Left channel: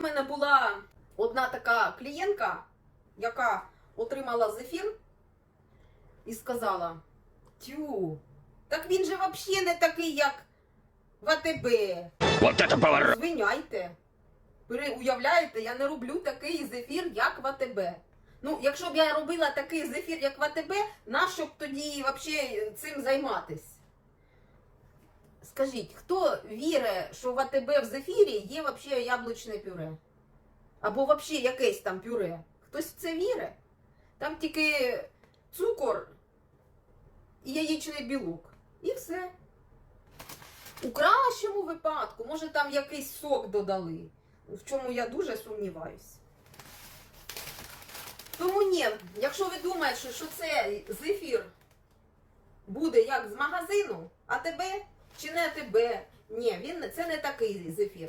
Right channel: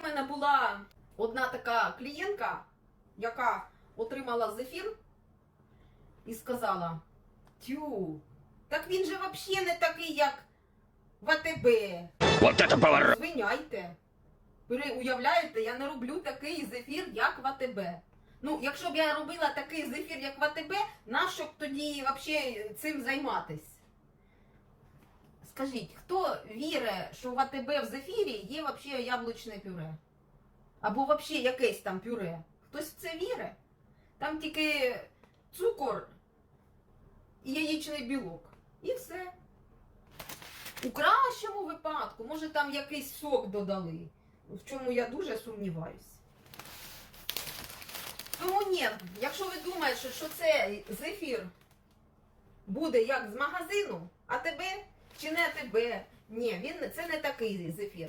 У мене була одна така клієнтка, яка отримала зефір і сказала: Тю, так він же взагалі не такий, як в АТБ. Вот это поворот! Звиняйте. Ви уявляєте, я не роблю такий зефір, як в АТБ. Ну, якщо б я робила такий зефір, як в АТБ, нащо б тоді взагалі цим займатись? Скажіть, хто вірить, що в АТБ в зефірі є взагалі яблучне пюре? Або взагалі якесь там пюре? Хтось в це вірить? Там тільки цукор і яєчний білок. І все. У кращому випадку, може там якийсь сок додали, в чому я дуже сумніваюсь. Тому ні, якщо ви думаєте, що це зефір буде як з магазину, а тебе чи не тебе, ні, він не- це не такий зефір.